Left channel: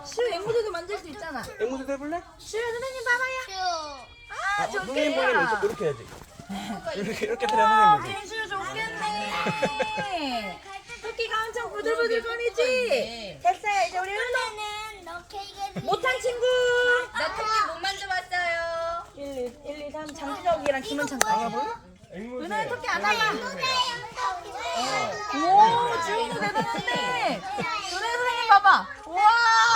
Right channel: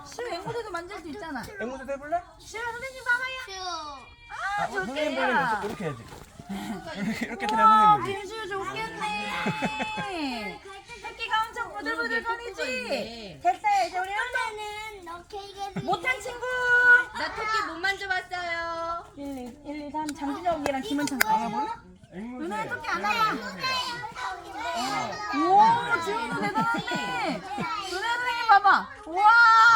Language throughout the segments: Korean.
시우 앵무새도 만질 수 있잖아. 앵무새도 해볼래? 시우 선생님 봐봐요. 아, 선생님 빨리 좋겠다. 이렇게 해야지. 이렇게 들어야 선생님. 김시우 좋겠네. 토끼가 엄청 부들부들거리지? 됐어요. 이제 우리 못한 친구. 나 토끼 못 만져봤어요. 1, 2, 3 장준혁이랑 김은창까지. 은하야 토끼 안 와봐. 우와 지훈도 대단한데. 은하 선생님 봐봐. 우와.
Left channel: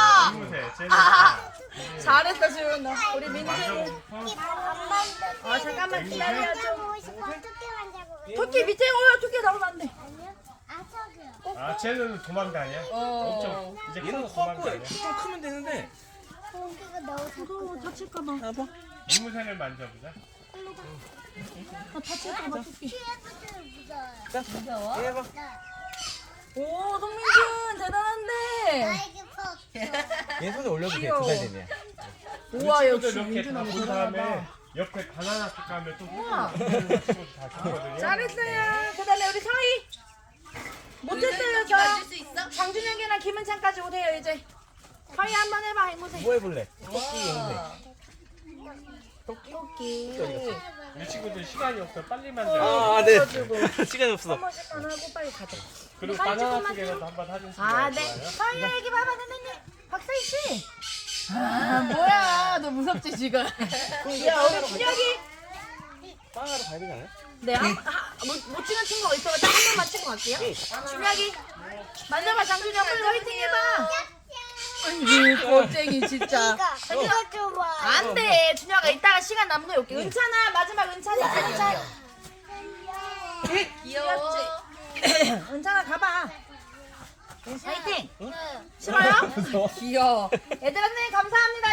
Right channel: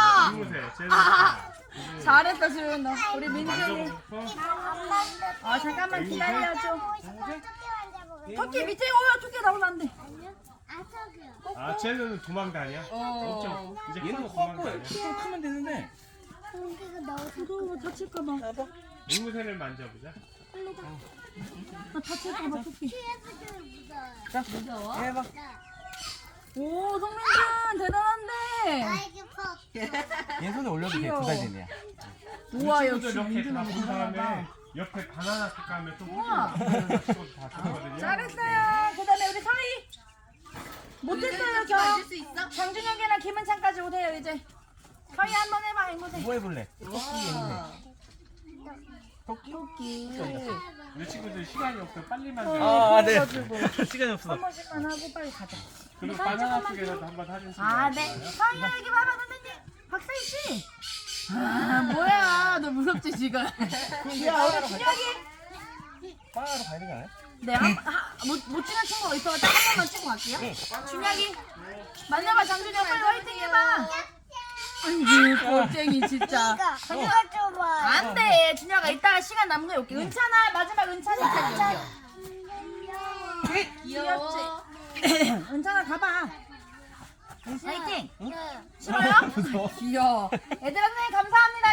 아, 잘했다 지훈. 우리 민준이. 아 잠깐만 기다려줘. 토끼 밑에 올라 토끼 나오면 안 돼. 아, 쟤는 도망다녀? 엄청 이제 얘는 커서 도망다녀. 키가 크면 되는데. 무서워 다칠까봐. 앵무새를 만져보자. 다칠까봐 토끼. 얘 해봐. 오 송민준 대단한데. 얘 손에 올려도 돼. 귀여워. 2살 되면. 우와 역시 이렇게 민준 다 너무 본 다음에 대단하다. 옆에 바나나 색감에 또 우와. 다 주거든요. 잘했어요. 그다음에 우리 서희. 못했어요 저. 만질 수 있어? 장준혁이랑 김은창까지 오세요 이제. 서희 한번 해봐 앵무새. 뭐 해볼래? 토끼 앵무새. 토끼. 우리 친구들 시간이 없어. 빨리 만져. 아, 네. 시간이 없어. 한 번씩만 하고 빨리 가자. 그리고 사진 바나나 조금만 쪽에서도 한번 사진 찍어요. 아 네. 서희 여기 봐봐 선생님. 박서희 씨. 아 뭐야 너 무섭지 지금. 야 우리 준혁이. 빵하러 가야 되지 않아요? 네, 못 찍은 친구가 있어서 딱 한 번만 찍고 갈게요. 준혁이, 만져봐, 장준혁, 빨리 화이팅 해봐. 아이고, 겁쟁이, 진짜. 안 돼, 준혁아, 이따가 시간 남은 거 올게. 은찬아, 마지막 은찬아. 귀여워. 은찬아, 가봐. 화이팅! 싫어요? 귀여워. 얘들아, 선생님, 감사합니다.